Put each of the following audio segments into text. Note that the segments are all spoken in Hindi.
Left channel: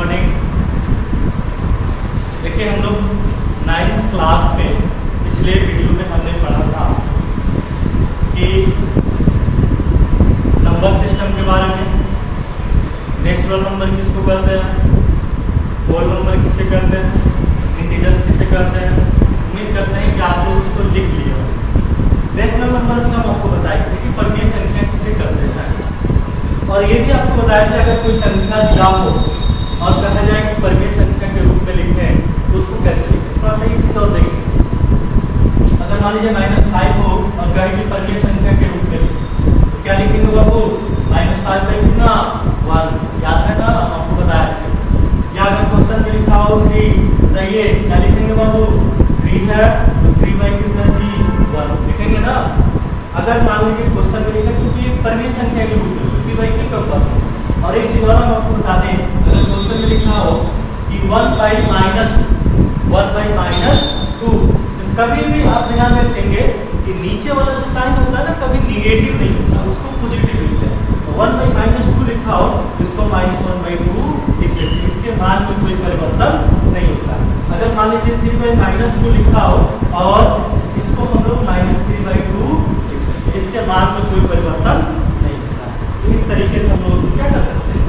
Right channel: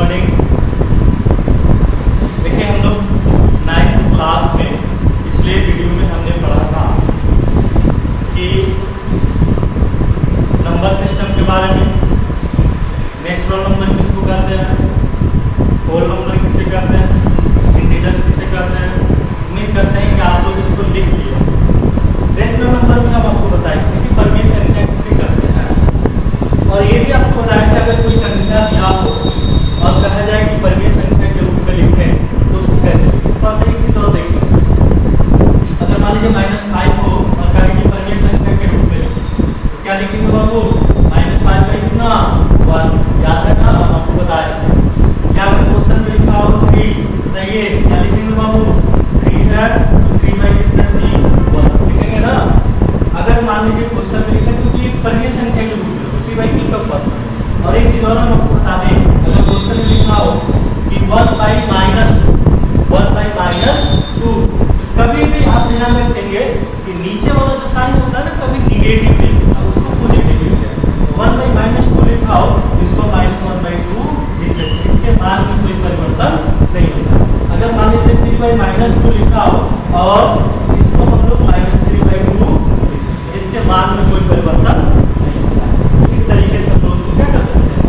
मॉर्निंग। देखिए हम लोग 9th क्लास में पिछले वीडियो में हमने पढ़ा था कि नंबर सिस्टम के बारे में, नेचुरल नंबर किसको कहते हैं, होल नंबर किसे कहते हैं, इंटीजर्स किसे कहते हैं। उम्मीद करते हैं कि आप लोग उसको लिख लिए हो। रेशनल नंबर भी हम आपको बताएंगे कि परिमेय संख्या किसे कहते हैं, और ये भी आपको बताया कि अगर कोई संख्या दिया हो और कहा जाए कि परिमेय संख्या के रूप में लिखें तो उसको कैसे लिखें। थोड़ा सा एक चीज और देखें। अगर मान लीजिए -5 हो और कहे कि परिमेय संख्या के रूप में लिखें तो क्या लिखेंगे बाबू? -5 बाई कितना 1, याद है ना, आपको बताया था। या अगर क्वेश्चन में लिखा हो 3, बताइए क्या लिखेंगे बाबू? 3 है तो 3 बाई कितना 1 लिखेंगे ना। अगर मान लीजिए क्वेश्चन में लिखें क्योंकि परिमेय संख्या के रूप में 3 बाई की का ऊपर। और एक चीज और हम आपको बता दें, अगर क्वेश्चन में लिखा हो कि 1 बाई -2, तो कभी भी आप ध्यान रखेंगे कि नीचे वाला जो साइन होता है ना, कभी निगेटिव नहीं होता, उसको पॉजिटिव लिखते हैं। तो 1 बाई -2 लिखा हो तो इसको -1 बाई 2 लिख सकते हैं, इसके मान में कोई परिवर्तन नहीं होता। अगर मान लीजिए 3 बाई -2 लिखा हो और इसको हम लोग -3 बाई 2 लिख सकते हैं, इसके मान में कोई परिवर्तन नहीं होता। तो इस तरीके से हम लोग क्या कर सकते हैं,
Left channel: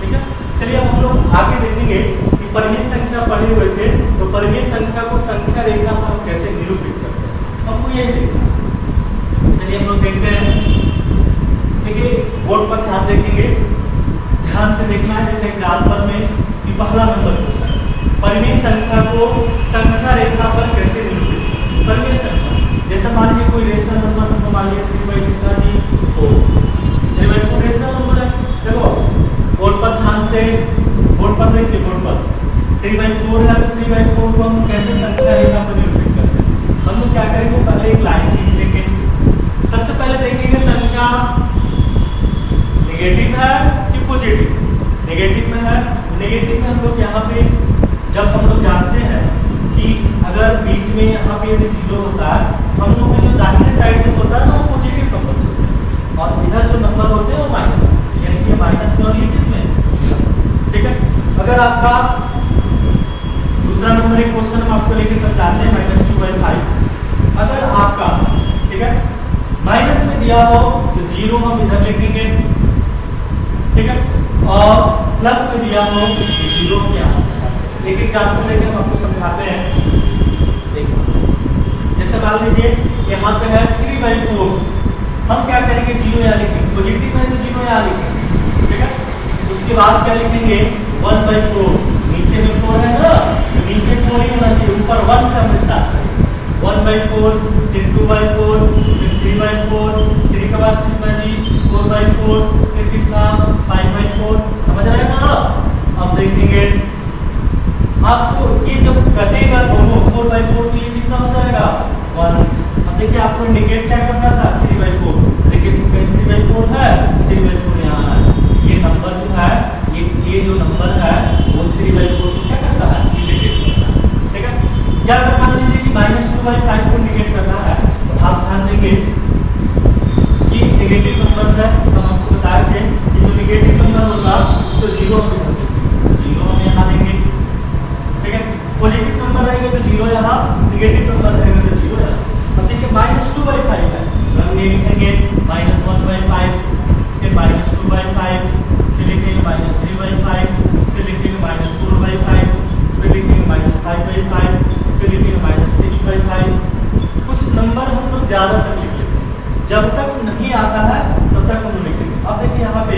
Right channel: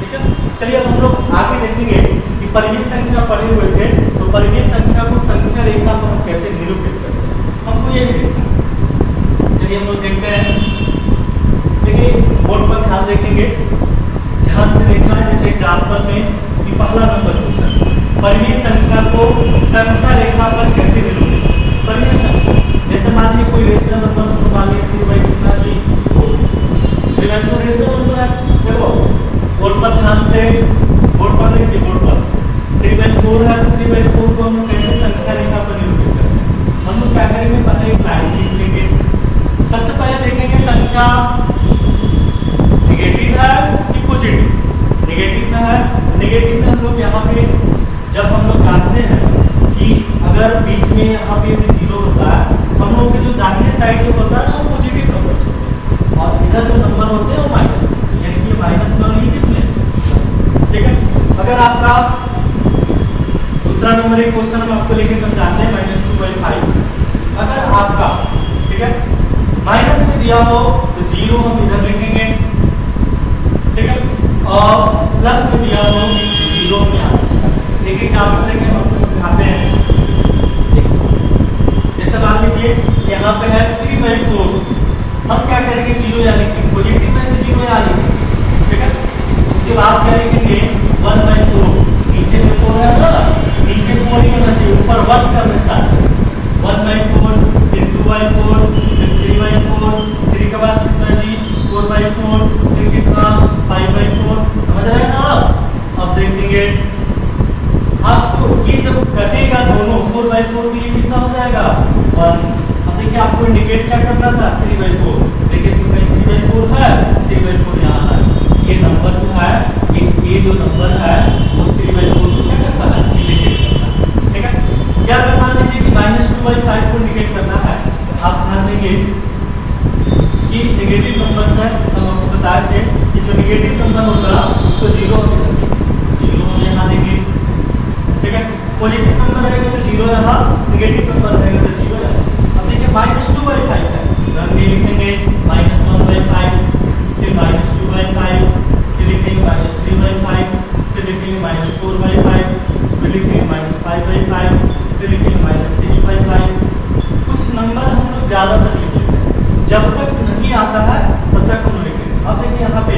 ठीक है। चलिए अब हम लोग आगे देखेंगे कि परिमेय संख्या पढ़े हुए थे, तो परिमेय संख्या को संख्या रेखा पर हम कैसे निरूपित करते हैं, हमको यही देखना है। चलिए हम लोग देखते हैं। देखिए बोर्ड पर ध्यान देखेंगे, ध्यान से देखना है। जैसे एग्जाम्पल में कि पहला नंबर क्वेश्चन, परिमेय संख्या को संख्या रेखा पर कैसे निरूपित करें। परिमेय संख्या जैसे मान लीजिए कोई रेशनल नंबर, तो मान लीजिए 3 बाई कितना की 2, 3 बाई 2 रेशनल नंबर है। चलो बोर्ड पर ध्यान से, बोर्ड पर देखिए, बोर्ड पर 3 बाई 4 है तो 3 बाई 4 को हम कैसे संख्या रेखा पर निरूपित करते हैं। हम लोग क्या करेंगे, पहले एक लाइन खींच लेंगे। सबसे पहले देखेंगे संख्या नेगेटिव है कि पॉजिटिव। नेगेटिव में है, नेगेटिव में हम लोग यहाँ पे जब हम लोग जानते हैं कि अगर बीच में यहाँ पे 0 होता है, हम लोग के जो दाहिने साइड जो होता है ना वो पॉजिटिव नंबर होते हैं, और इधर जो नंबर होते हैं वो माइनस होते हैं, यानी कि माइनस में और ये किसमें, ठीक है। अगर आपका दूसरा नंबर एक क्वेश्चन हम आपको लेके समझाते हैं, -2/5। अगर आपका, ठीक है, माइनस में दिया हो तो 0 हम इधर लिखेंगे, ठीक है, और प्लस में दिया हो तो 0 में आ सकता है। देखिए एग्जाम्पल लेके हम आपको समझाते हैं। जैसे मान लीजिए यहाँ पे है 3/4, हम क्या करेंगे 0 यहाँ लिखेंगे, पॉजिटिव में तो 0 यहाँ लिखेंगे, ठीक है। उसके बाद क्या लिखेंगे 1/4, नीचे में 4 है ना, नीचे 4 ही होना चाहिए, ऊपर 1 से हम स्टार्ट करेंगे। 1/4, फिर 2/4, फिर 3/4, 3 के बाद कितना जी 4/4, फिर कितना 5/4, समझ रहे हैं ना आप। अब देखेंगे आपको ये जब कटेगा दोनों 4/4 के लिए कितना हो जाएगा 1। अब देखिए आपको इंडिकेट क्या करना था 3/4, देखिए इसमें 3/4 है, 3/4 यहाँ है। ये नंबर जो है, ये जो नंबर है वो 3/4 को क्या करता है, इंडिकेट करता है, ठीक है। या अगर मान लीजिए कि -2/5 को इंडिकेट करना है, तो आप ध्यान देंगे कि नेगेटिव नंबर है, हम आपको बताए थे कि जो नेगेटिव नंबर होगा उसको 0 हम यहाँ देंगे, ठीक है। पॉजिटिव नंबर रहेगा तो 0 यहाँ, नेगेटिव नंबर रहेगा तो 0 यहाँ। अब देखिए -2/5 है तो हम ये लिखेंगे -1/5, फिर -2/5, फिर लिखेंगे -3/5, फिर लिखेंगे -4/5, फिर लिखेंगे -5/5, फिर लिखेंगे -6/5। कुछ नंबर हम लोग ज्यादातर लिखेंगे, जब तक नहीं आता है तब तक हम लिखेंगे। अब देखिए यहाँ पे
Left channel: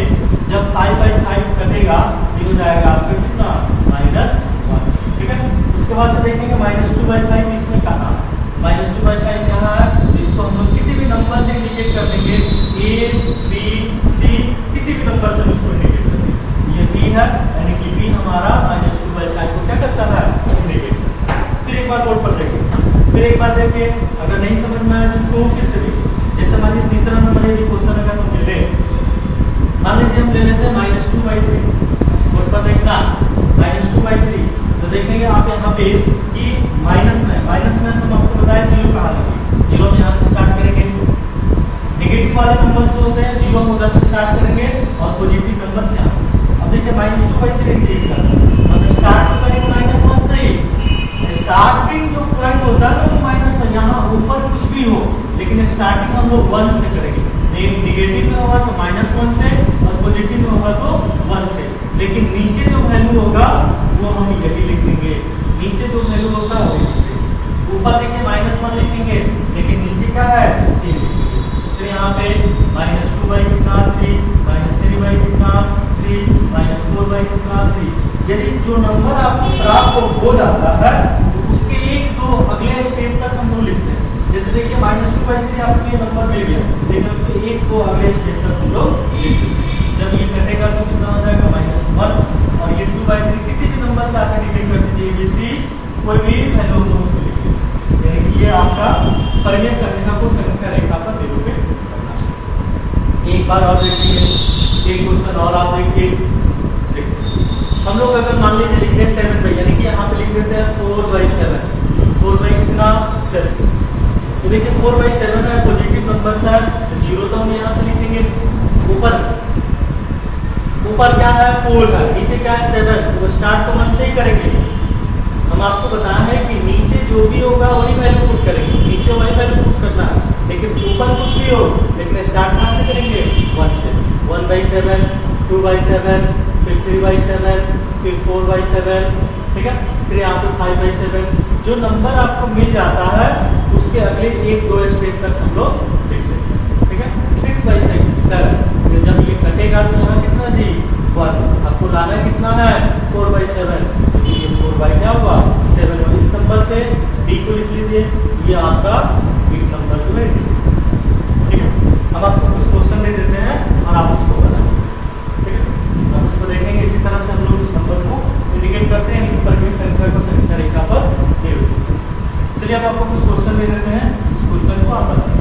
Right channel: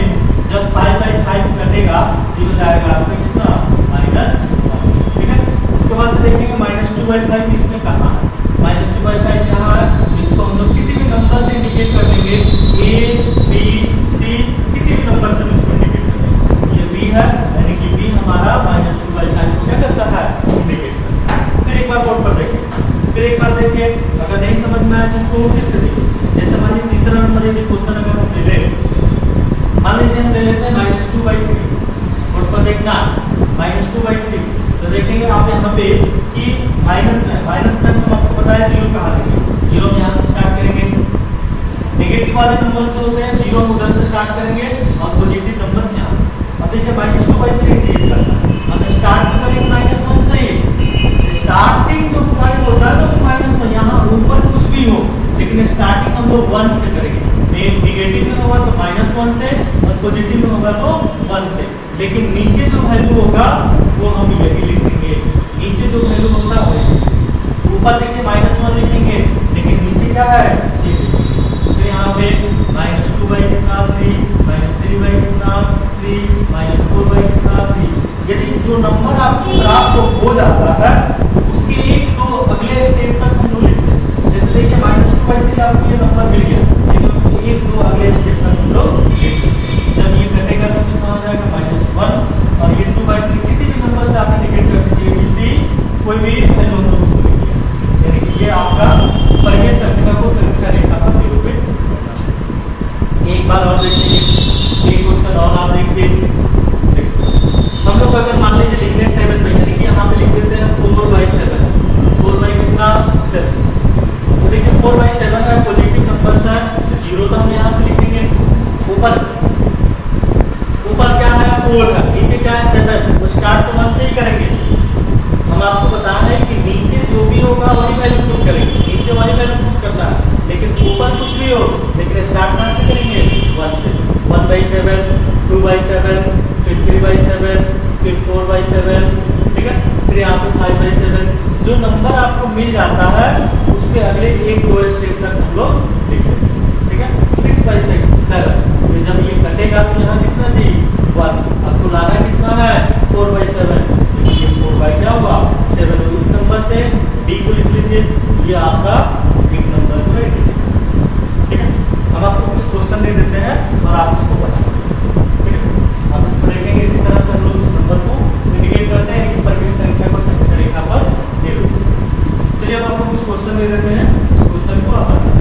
जब 5/5 कटेगा ये हो जाएगा आपका कितना -1, ठीक है। उसके बाद से देखेंगे -2/5 इसमें कहाँ है, -2/5 यहाँ है, इसको हम लोग किसी भी नंबर से इंडिकेट कर देंगे, A, B, C, किसी भी नंबर से इसको इंडिकेट कर देंगे। ये B है, यानी कि B हमारा -2/5 को क्या करता है, इंडिकेट करता है। फिर एक बार बोर्ड पर देखिए, फिर एक बार देखिए, अगर नहीं समझ में आया जिसको फिर से देखिए। जैसे मान लीजिए तीसरा नंबर है, क्वेश्चन अगर हम ले लें, मान लीजिए हम ले लेते हैं -2/3, बोर्ड पर देखना -2/3, तो देखेंगे आप यहाँ पे कि माइनस में हम आपको बताया 0 कहाँ लेंगे, 0 में यहाँ से स्टार्ट करेंगे। नेगेटिव वाले नंबर जो होते हैं 0 हम उधर से स्टार्ट करेंगे और पॉजिटिव नंबर से यहाँ से। अब देखिए -2/3 इंडिकेट करना, लेकिन स्टार्टिंग हम लोग 1 से करेंगे। निगेटिव में होगा तो -1 से और पॉजिटिव में होगा तो 1 से, लेकिन नीचे जो वैल्यू होगा वो हम यही लिखेंगे। नीचे जो वैल्यू होगा वो ऊपर देखिए -1 लिखेंगे, लेकिन नीचे क्या है ये लिखेंगे। तो यहाँ पे -2 बाई कितना 3, -3 बाई कितना 3, -4 बाई कितना 3। यदि जो नंबर आपकी प्राप्त हो जाता है तो उसके एक दो अगले स्टेप तक हम लोग लिखते हैं। जैसे देखिए -2 बाई 3 आपको ये नंबर मिल गया, लेकिन उसके एक दो अगले स्टेप तक हम लोग लिखते हैं। जब ये कटेगा तो कितना हो जाएगा -1, और ये 2 बाई 3 किसी भी नंबर से आप इंडिकेट कर दीजिए, ABC कोई भी वैल्यू हो उसको लिखिए। यानी कि ये आपका परिमेय संख्या को संख्या रेखा पर निरूपित करना। एक बार और देखिए, एक क्वेश्चन और आप देखिए। हम लोग अगर मान लीजिए लिख दें 7 बाई, यानी कि यहाँ पे लिख देते हैं 4/7, 4 बाई कितना 7। तो देखिए 4/7 है, पॉजिटिव नंबर है तो 0 तो हम यहाँ से लिखेंगे। ऊपर क्या है 4 है, नीचे क्या है 7, तो स्टार्ट तो 1 से ही करेंगे। हम आपको बताना है कि नीचे जो भी होगा वही वैल्यू पुट करेंगे, नीचे वही वैल्यू पुट करना है, लेकिन ऊपर कुछ भी हो, लेकिन स्टार्ट कहाँ से करेंगे 1 से। 1/7, 2/7, फिर 3/7, फिर 4/7, ठीक है, फिर यहाँ पे 5/7। जो नंबर आपको मिल जाता है उसके अगले एक दो स्टेप तक हम लोग लिख देते हैं, ठीक है। 6/7, तो जब ये कटेगा तो यहाँ कितना जी 1, आपको लाना कितना है 4/7, तो ये 4 बाई क्या हुआ 7। इस नंबर से डी को लिख लीजिए, ये आपका बिग नंबर जो है, ठीक है। अब आपको कुछ क्वेश्चन दे देते हैं और आप उसको बनाओ, ठीक है। आप उसको देखेंगे, इसी तरह से हम लोग इस नंबर को इंडिकेट करते हैं कि परिमेय संख्या को संख्या रेखा पर निरूपित। चलिए अब आपको कुछ क्वेश्चन दे देते हैं, उस क्वेश्चन को आप बनाएं।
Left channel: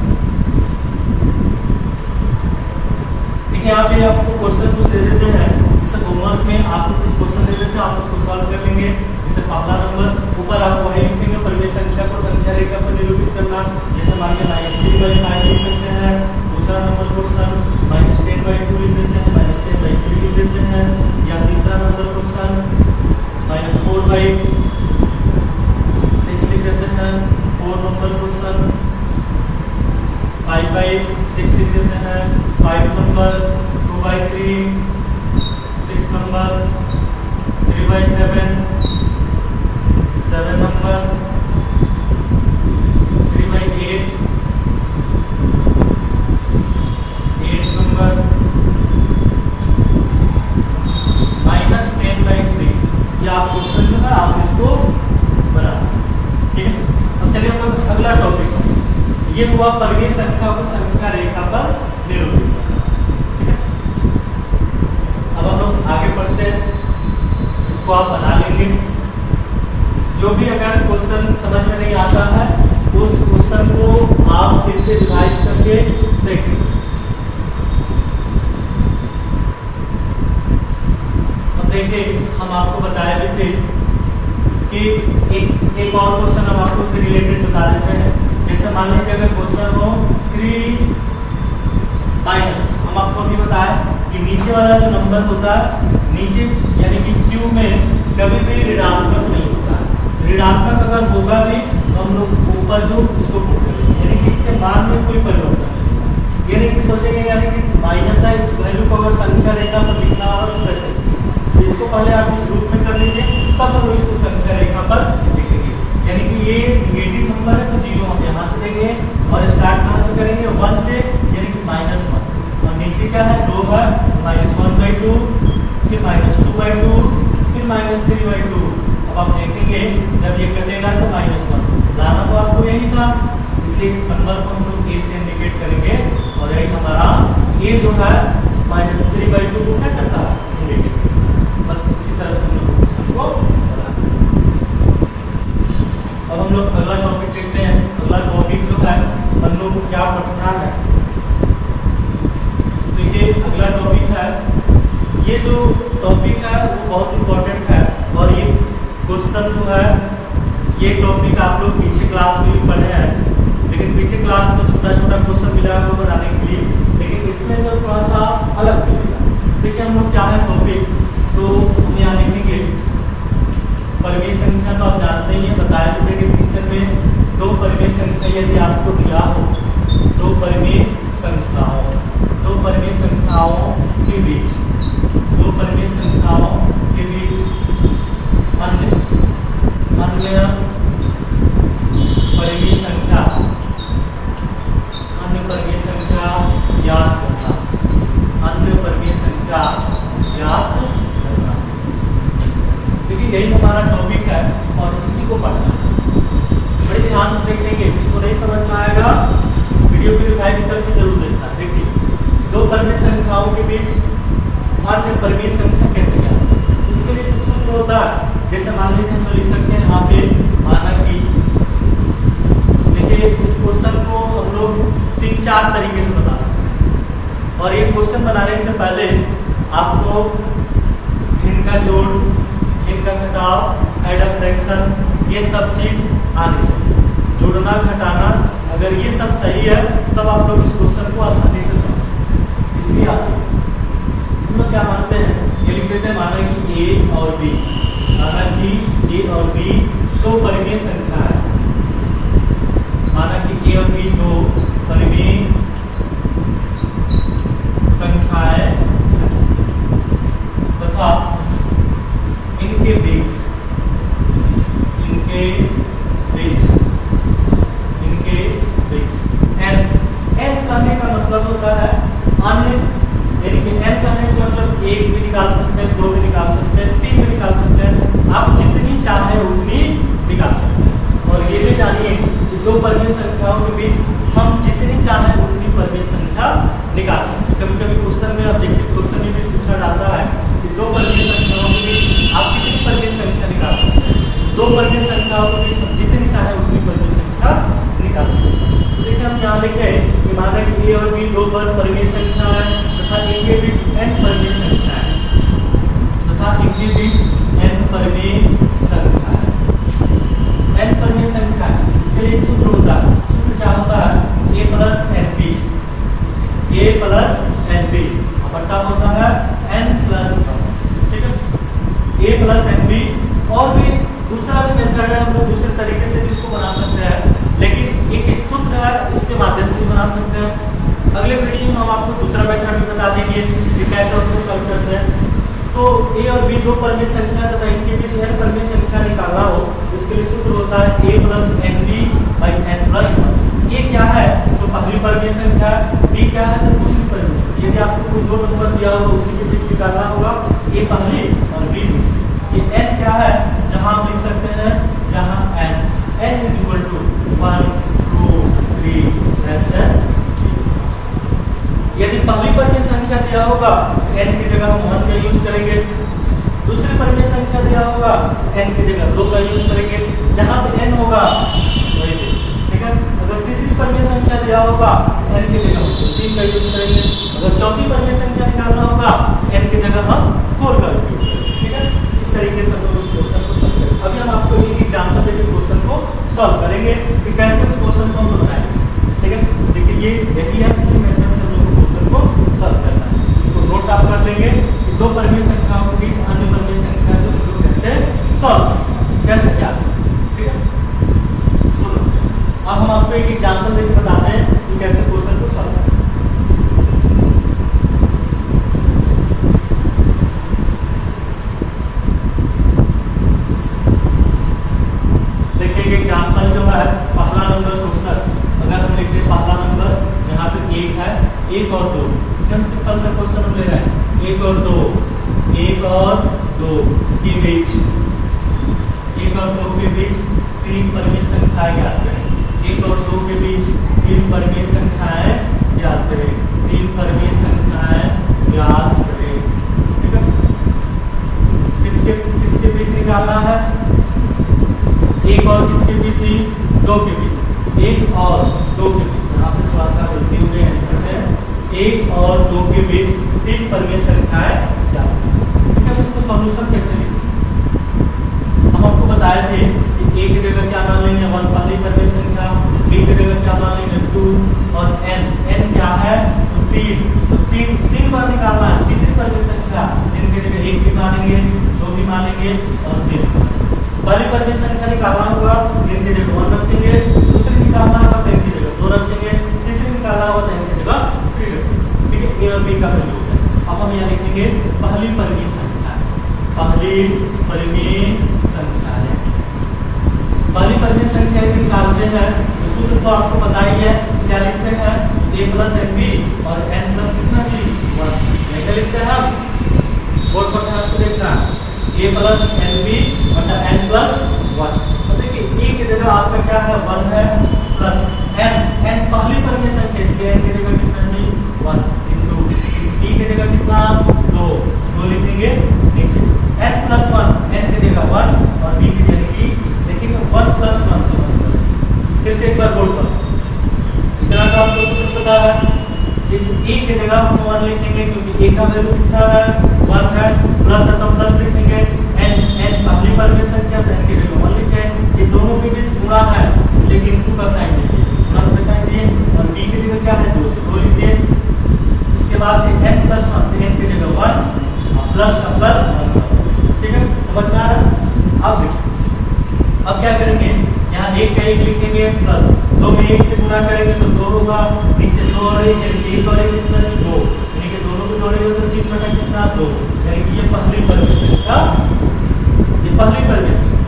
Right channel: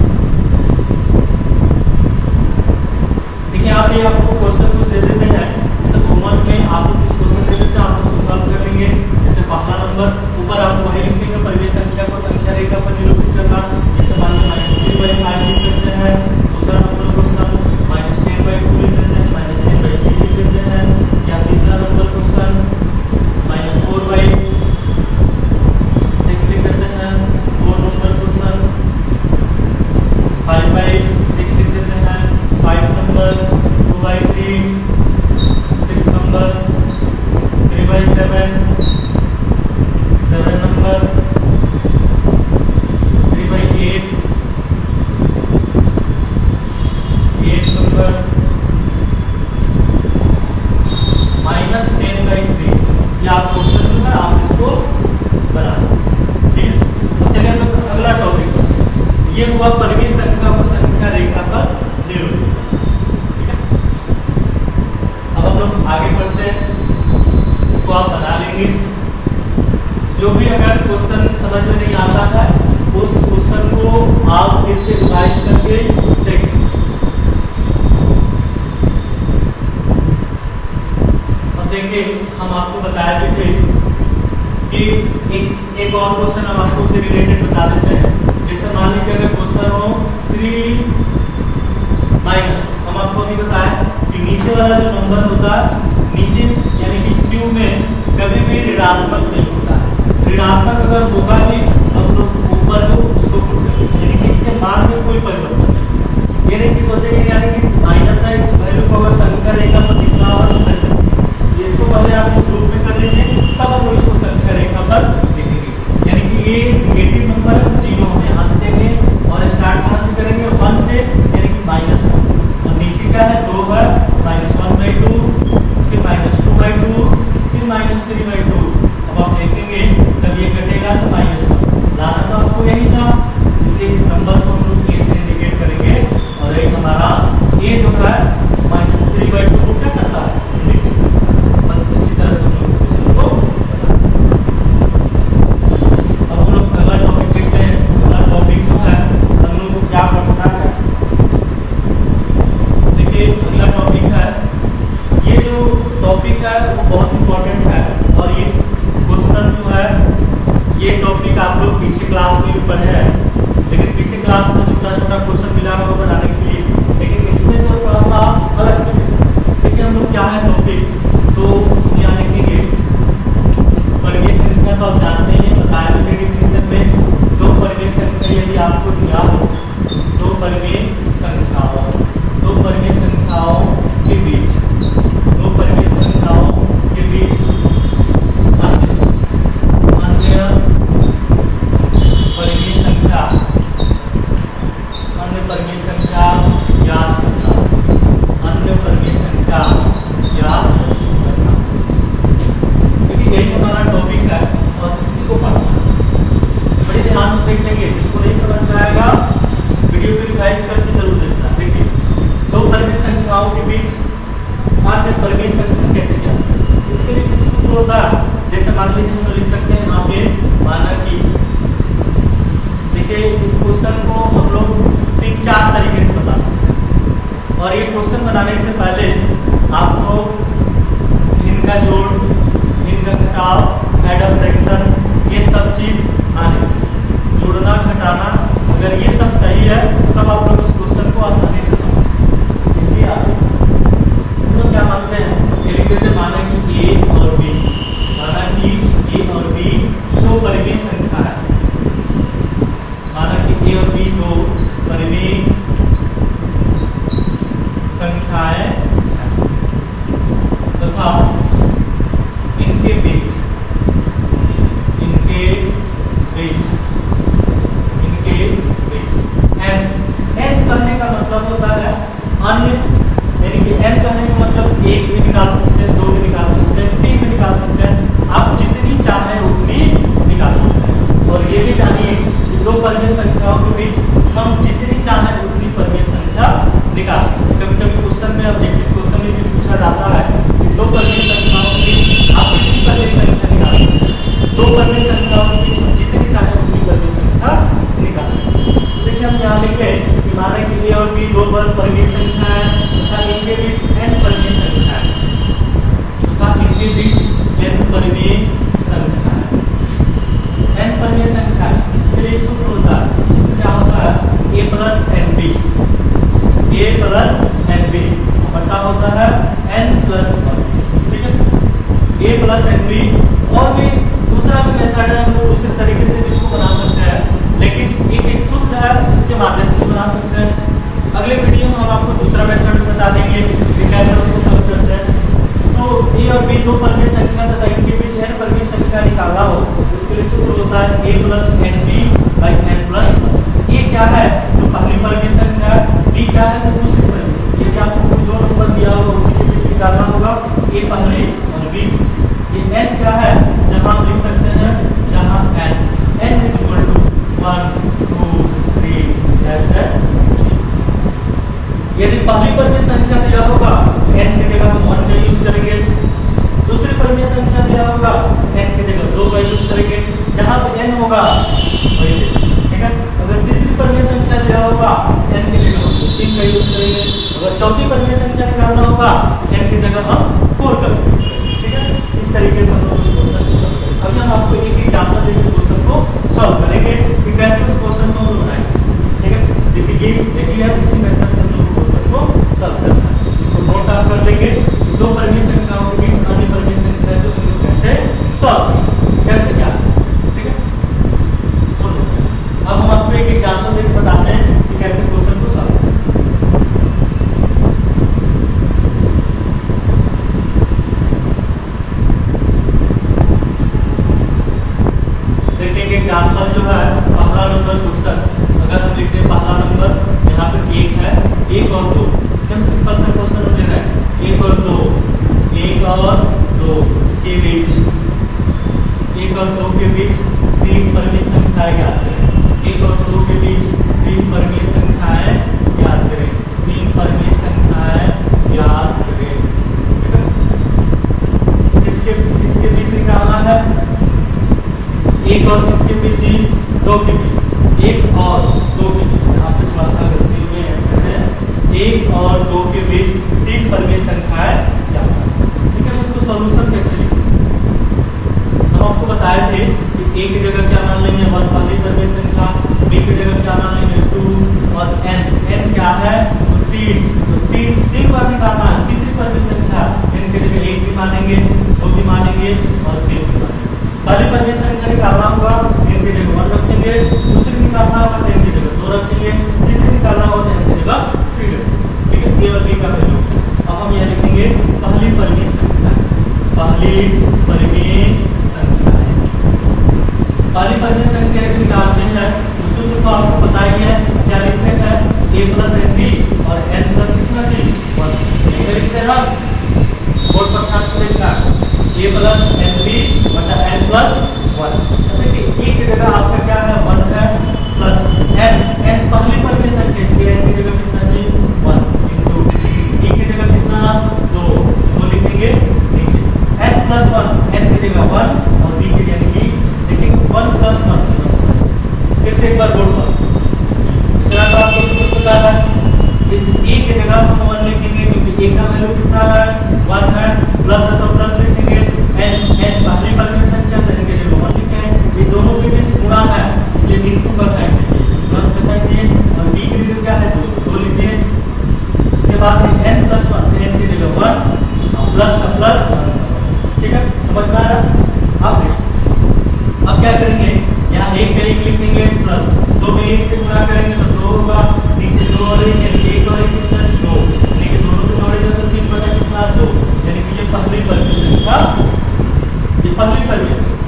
देखिए यहाँ पे आपको क्वेश्चन कुछ दे देते हैं, जैसे होमवर्क में आपको कुछ क्वेश्चन दे देते हैं, आप उसको सॉल्व कर लेंगे। जैसे पहला नंबर ऊपर आप वही लिखेंगे, परिमेय संख्या को संख्या रेखा पर निरूपित करना। जैसे मान लीजिए -3/5 लिख देते हैं। दूसरा नंबर क्वेश्चन -10/2 लिख देते हैं, -10/3 लिख देते हैं। या तीसरा नंबर क्वेश्चन -4/6 लिख देते हैं। 4 नंबर क्वेश्चन 5/6 लिख देते हैं। 5 नंबर 2/3, 6 नंबर 3/7, 7 नंबर 3/8, 8 नंबर -10/3। ये आप क्वेश्चन में है, आप इसको बना, ठीक है। अब चलिए हम लोग अगला टॉपिक, ये हुआ परिमेय संख्या को संख्या रेखा पर निरूपित करना, ठीक है। अब हम लोग आगे बढ़ते हैं, इसको आप बना लेंगे। जो भी अगर क्वेश्चन समझ में नहीं आता है उस क्वेश्चन को आप फिर से रिवाइज करके देखें। अब देखिए हम आपको बताया भी थे कि एक और क्वेश्चन हम आपको उससे रिलेटेड बता देते हैं। जैसे मान लीजिए अगर क्वेश्चन हो 3 माइनस, हम आपको अभी बताया कि नीचे वाला जो नंबर होता है, नीचे यानी कि क्यू में कभी भी ऋणात्मक नहीं होता। ऋणात्मक अगर होगा भी तो हम लोग ऊपर जो उसको पुट करेंगे, यानी कि इसके मान में कोई परिवर्तन नहीं। ये नहीं कि सोचेंगे यानी कि माइनस है, इस वैल्यू को अगर संख्या रेखा पर लिखना हो तो कैसे, इसको पहले आप इस रूप में कर लीजिए, तब हम लोग इसको संख्या रेखा पर लिखेंगे। यानी कि ये निगेटिव नंबर है तो 0 हम यहाँ से देंगे और स्टार्ट कहाँ से करेंगे 1 से, यानी कि -1। और नीचे क्या है 2 बार -1/2, फिर -2/2, फिर -3/2। अब आप देखेंगे जब ये कटेगा तो -1 लाना तो आपको यही था, इसलिए इस नंबर को हम लोग ए से इंडिकेट करेंगे और एक हमारा ए जो है -3/2 को क्या करता है इंडिकेट। बस इसी तरह से हम लोग क्वेश्चन को अब हम लोग अगला टॉपिक देखते हैं। अगला टॉपिक जो है हम लोग को क्या पढ़ना है, देखिए अगला टॉपिक है, ये जो टॉपिक है वो बहुत इंपॉर्टेंट है और ये क्वेश्चन जो है ये टॉपिक आप लोग पीछे क्लास में भी पढ़े हैं, लेकिन पीछे क्लास में छोटा छोटा क्वेश्चन मिला होगा बनाने के लिए, लेकिन इसमें जो थोड़ा सा अलग मिलेगा। देखिए हम लोग क्या है टॉपिक, तो यहाँ लिखेंगे परिमेय संख्या, तो आप जानते हैं बताया भी थे डिफिनेशन में, दो परिमेय संख्या यदि आपको दिया हो के बीच, दो परिमेय संख्याओं के बीच अन्य परिमेय संख्या याद करना, अन्य परिमेय संख्या याद करना। क्योंकि यही हमारा टॉपिक है और इसी को पढ़ना बड़े ध्यान से देखेंगे। जिसको नहीं समझ में आएगा वीडियो को रिवाइज करके जरूर देखना। देखिए, दो परिमेय संख्याओं के बीच अन्य परिमेय संख्या कैसे ज्ञात करें? इसके लिए कुछ सूत्र होता है। जैसे मान लीजिए हम लिख सकते हैं यहाँ पे, माना कि देखिए इस क्वेश्चन को हम लोग 3-4 तरीके से बता सकते हैं। और ये क्वेश्चन बनाने से पहले आप लोग इनका जोड़, इनका घटाव, एड ऑफ फ्रैक्शन, ये सब चीज आनी चाहिए। जोड़ना, घटाना, अगर ये सब सही है तब आप लोग इस क्वेश्चन को आसानी से समझ सकते हैं। इसलिए आप हम लोग क्या मानते हैं, ये लिख देते हैं, माना कि ए और बी, माना कि ए और बी दो परिमेय संख्या है, माना कि ए और बी दो परिमेय संख्याएं तथा इनके बीच n कहने का मतलब होता है अन्य, यानी कि n कहने का मतलब 1 भी निकाल सकते हैं, 2 भी निकाल सकते हैं, 3 भी निकाल सकते हैं, आप जितनी चाहे उतनी निकाल सकते हैं। और ये भी जानिए कि दो परिमेय संख्याओं के बीच हम जितनी चाहे उतनी परिमेय संख्या निकाल सकते हैं। कभी कभी क्वेश्चन में, ऑब्जेक्टिव क्वेश्चन में भी पूछा जाता है कि दो परिमेय संख्याओं के बीच आप कितनी परिमेय संख्या निकाल सकते हैं। दो परिमेय संख्याओं के बीच हम जितनी चाहे उतनी परिमेय संख्या निकाल सकते हैं। देखिए हम यहाँ लिखे कि माना कि ए और बी दो परिमेय संख्या है तथा इनके बीच n परिमेय संख्या है, तथा इनके बीच n परिमेय संख्या है, n परिमेय संख्या है। इसके लिए एक सूत्र होता है। सूत्र क्या होता है? a plus n b, a plus n b बटा होता है n प्लस वन। ठीक है, a प्लस एन बी। और भी दूसरा भी मेथड है, हम लोग दूसरे तरीके से भी इसको बना सकते हैं, लेकिन एक सूत्र है, इसके माध्यम से भी बना सकते हैं। अगले वीडियो में हम आपको दूसरा मेथड भी बता देंगे कि कैसे उसको सॉल्व करते हैं। तो ए और बी दो परिमेय संख्या तथा इनके बीच n परिमेय संख्या निकालना हो, उसके लिए सूत्र होता है a plus n b by n plus one. A क्या है तो पहली परिमेय संख्या, बी क्या है तो दूसरी परिमेय संख्या। यदि आपको कोई दो नंबर दिया हो तो उसी के बीच निकालना होगा, ए पहली और बी दूसरी। ये n क्या है, जहां हम लिख सकते हैं, जहां n इज इक्वल टू 1 2 3 ऐसे। यदि पहली परिमेय संख्या दिया होगा n की जगह हम 1 का यूज करेंगे, दूसरी परिमेय संख्या दिया होगा n की जगह 2 का यूज करेंगे, जहां पे n होगा वही। ठीक है, अगर तीसरी परिमेय संख्या दिया होगा n की जगह 3 का यूज करेंगे, अगर चौथी परिमेय संख्या निकालना होगा n की जगह हम 4 का यूज करेंगे। ठीक है, इस तरीके से हम लोग उस क्वेश्चन को सॉल्व करेंगे। अभी हम आपको एक एग्जांपल देकर क्वेश्चन को सॉल्व करेंगे कि कैसे इस क्वेश्चन को हम बनाएंगे। ठीक है, देखिए ये देखिए इसी मेथड से हम लोग क्वेश्चन को सॉल्व करना है। इसको नोट आउट कर लेंगे कि दो परिमेय संख्याओं के बीच अन्य परिमेय संख्या को हम लोग कैसे सॉल्व करेंगे, कैसे क्या। ठीक है, इसको अब हम आपको एक एग्जांपल देकर बताते हैं कि कैसे क्वेश्चन को सॉल्व करें। देखिए एग्जांपल जो है, पहला नंबर क्वेश्चन अगर हम लिखते हैं, पहला नंबर यहाँ पे 1 है, 1 और 2, एकदम सिंपल सा क्वेश्चन हम ले रहे हैं। 1 और 2, 1 और 2 के बीच, 1 और 2 के बीच 3 परिमेय संख्याएं ज्ञात करें। 1 और 2 के बीच 3 परिमेय संख्याएं ज्ञात करें, 3 परिमेय संख्याएं ज्ञात करें। ठीक है, किसके बीच निकालना है, 1 और किसके बीच, 2 के बीच, 1 और 2 के बीच। यहाँ पे थोड़ा सा गलती हुई है, कहते हैं 1 और 2 के बीच 3 परिमेय संख्याएं ज्ञात करें। ठीक है, उसको सॉल्यूशन कैसे लिखें? हम आपको बताए थे कि a की जगह क्या मान लेंगे, 1 पहली परिमेय संख्या, b की जगह क्या मान लेंगे 2, और n क्या है तो 3, तो 3 बार निकालना है। तीसरी परिमेय संख्या n की जगह 1 भी मानेंगे, 2 भी मानेंगे और 3। पहली परिमेय संख्या निकालना होगा, n की जगह 1 रखेंगे, दूसरी निकालना होगा तो n की जगह 2 रखेंगे, तीसरी निकालना होगा तो n की जगह 3 रखेंगे। ठीक है, a और b का वैल्यू। अब हम यहाँ लिखेंगे पहली परिमेय संख्या है, पहली परिमेय संख्या है। पहली परिमेय संख्या यदि निकालते हैं तो सूत्र तो आपको पता ही है, क्या लिखते हैं a प्लस एन बी और n प्लस कितना जी 1। कैसे लिखते हैं हम, बोर्ड पर ध्यान से देखना, a प्लस एन बी बटा n प्लस 1। देखिए a की जगह आपका क्या है 1 है, प्लस n पहली परिमेय संख्या, इसलिए n की जगह कितना जी 1 इंटू इस b की जगह कितना 2 लिखेंगे नीचे, n प्लस 1 n की जगह 1 और b की जगह की देखिए 1 प्लस 1। फिर से एक बार बोर्ड पर इतना तो आपको सूत्र पता है, इस a की जगह हम 1 लिखेंगे क्योंकि a का वैल्यू कितना है 1 है, प्लस है तो प्लस लिखेंगे, n पहली परिमेय संख्या तो n की जगह 1 लिखें, ये दोनों के बीच गुणा है इसलिए इनटू का साइन दिए, गुणा का साइन दिए, और b की जगह क्या है 2 लिखिए। इसके बाद से n प्लस 1 तो n की जगह 1 और प्लस का प्लस 1, ठीक है, समझ में आ रहा है। अब देखिए अब क्या करेंगे, यहाँ एक का एक लिखेंगे प्लस 2 में 1 से गुणा करेंगे तो 2 होगा, नीचे 2 और 1 यानी कि 1 और 1 कितना 2, यानी कि दोनों को जोड़ेंगे तो 3 बटा कितना 2, यानी कि ये पहली परिमेय संख्या, ये पहली परिमेय संख्या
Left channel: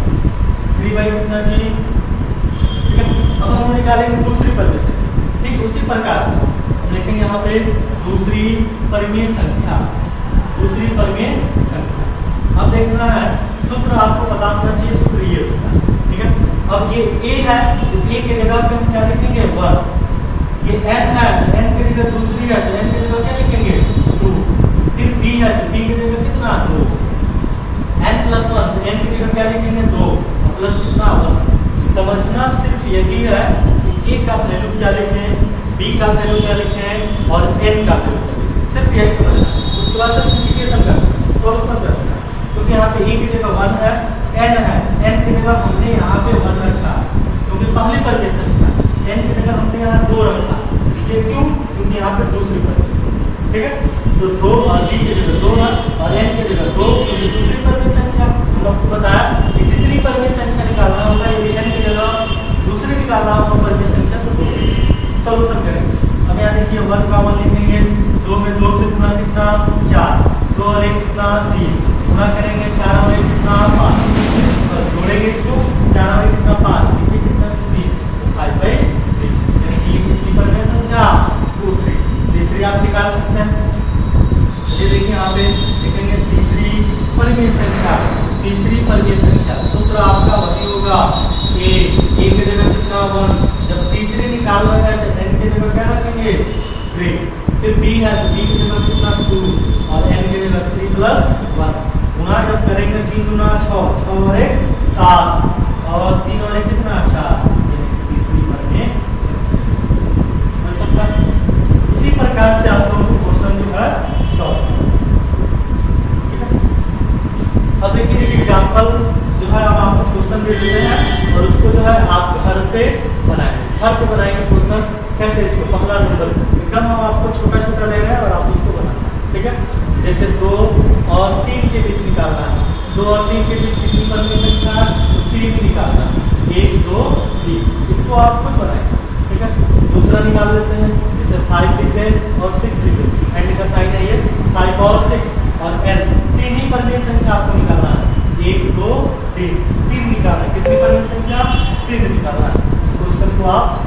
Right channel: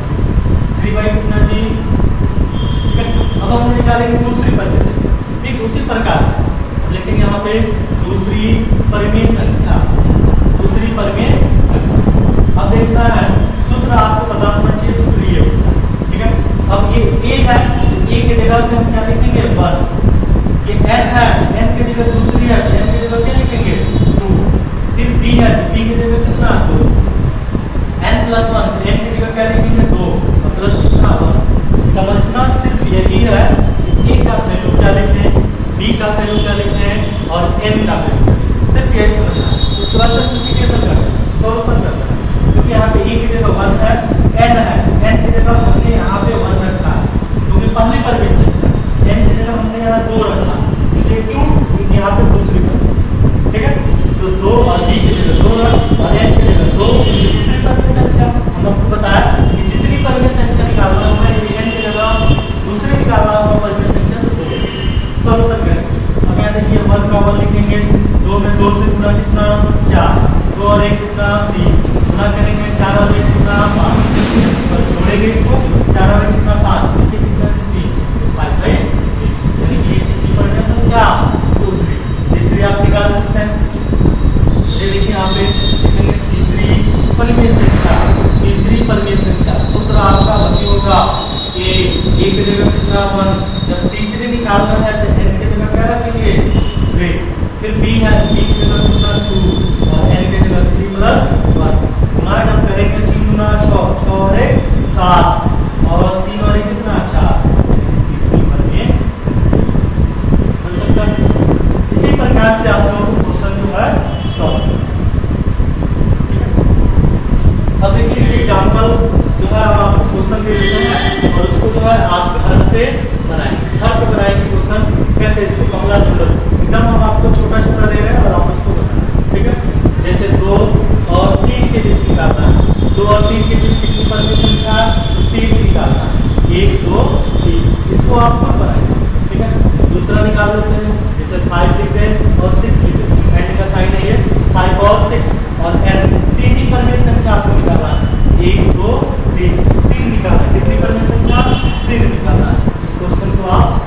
3 बाई कितना जी, ठीक है। अब हम निकालेंगे दूसरी परिमेय संख्या, ठीक उसी प्रकार से लेकिन यहाँ पे दूसरी परिमेय संख्या, दूसरी परिमेय संख्या। अब देखना है सूत्र आपको पता होना चाहिए, सूत्र ये होता है, ठीक है। अब ये a है तो a की जगह पे हम क्या लिखेंगे 1, ये n है n की जगह दूसरी है तो n की जगह क्या लिखेंगे 2, फिर b है तो b की जगह कितना 2, n प्लस 1 तो n की जगह क्या लिखेंगे 2 और प्लस कितना 1। समझना सिर्फ यही है कि a का वैल्यू क्या लिखें, b का वैल्यू क्या लिखें और n का वैल्यू क्या लिखें, सिर्फ यही समझना है। उसके बाद सिंप्लीफिकेशन करना है, सॉल्यूशन करना है, क्योंकि यहाँ पे a की जगह 1 है, n है, n की जगह हमने यहाँ पे 1 रखा क्योंकि पहली परिमेय संख्या, n की जगह हमने यहाँ 2 रखा, इसलिए क्यों, क्योंकि यहाँ पे दूसरी परिमेय संख्या, ठीक है। तो 2 और b की जगह 2 है और n की जगह 2, दूसरी परिमेय संख्या। हम आपको बताया कि जितनी परिमेय संख्या निकालना होगा, यदि n की जगह दूसरी निकालना होगा परिमेय संख्या तो 2। सॉल्यूशन करेंगे। अब यहाँ देखिए 1 का 1 लिखेंगे, 2 में 2 से गुणा कितना 4, 2 और 1 कितना 3, गुणा करेंगे 4 और 1 कितना 5, जोड़ेंगे इसको 4 और 1 कितना 5, नीचे कितना 3 तो 5/3, यानी कि कितनी परिमेय संख्या दूसरी। तीसरी आप निकाल सकते हैं, ये देखिए यहाँ पे लिखेंगे तीसरी परिमेय संख्या, तीसरी परिमेय संख्या सूत्र आपका वही होगा a की जगह कितना 1, जब तीसरी निकालना है तो n की जगह क्या रखेंगे 3, फिर b है तो b की जगह कितना 2 और n की जगह 3 प्लस 1, गुणा जब करेंगे 3 गुना 6, 6 और 1 7 और 3 और 1 कितना 4, तीसरी परिमेय संख्या। इसी प्रकार से आप लोगों को क्वेश्चन जो है सॉल्व। अब देखिए एग्जाम्पल जो है हम आपको क्वेश्चन दे देते हैं और उसको जो है आप घर से बनाएंगे, घर पे बनाएंगे क्वेश्चन कैसे, इसको पहला नंबर एकदम हम आपको छोटा छोटा दे रहे हैं और आप उसको बनाना, ठीक है। जैसे 2 और 3 के बीच निकालना है, 2 और 3 के बीच कितनी परिमेय संख्या तो 3 निकालना है, 1 2 3, इसको आप खुद बनाएंगे, ठीक है। दूसरा निकाल लेते हैं, जैसे 5 लिखे और 6 लिखे, एंड का साइन है ये 5 और 6 और n, 3 ही परिमेय संख्या आपको निकालना है, 1 2 3 निकालना, कितनी परिमेय संख्या 3 निकालना है। इस क्वेश्चन को आप